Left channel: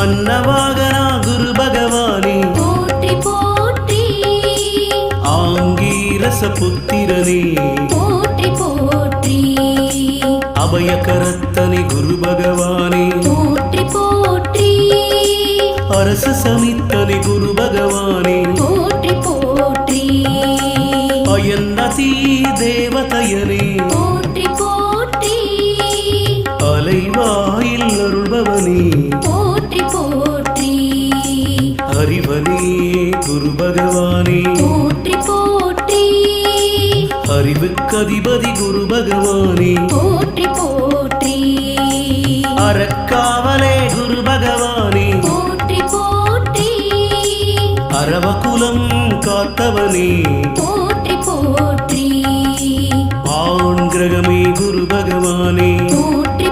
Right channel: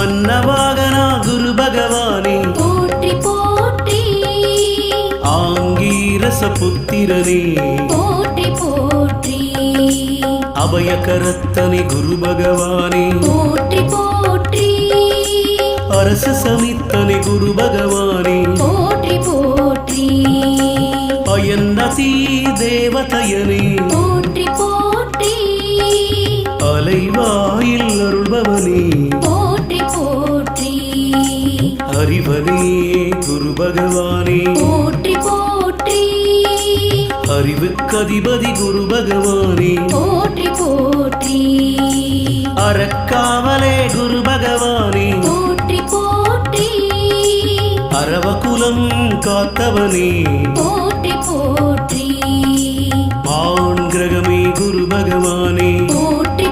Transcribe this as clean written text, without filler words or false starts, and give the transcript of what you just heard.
அன்னவாகனா குரு பகவானே போற்றி போற்றி ஆங்கீரச புத்திரனே போற்றி போற்றி அபயகரத்தனே குரு பகவானே போற்றி போற்றி அரச சமித்தனே குரு பகவானே போற்றி போற்றி அயன்னதி தேவதையனே போற்றி போற்றி அலைவாயில் அருள்பவனே போற்றி போற்றி அறிவனே குரு பகவானே போற்றி போற்றி அறிவுக்கதிபதி குரு பகவானே போற்றி போற்றி அறக்காவலே குரு பகவானே போற்றி போற்றி அரவகுலம் காத்தவனே போற்றி போற்றி ஆண் கிரகமே குரு பகவானே போற்றி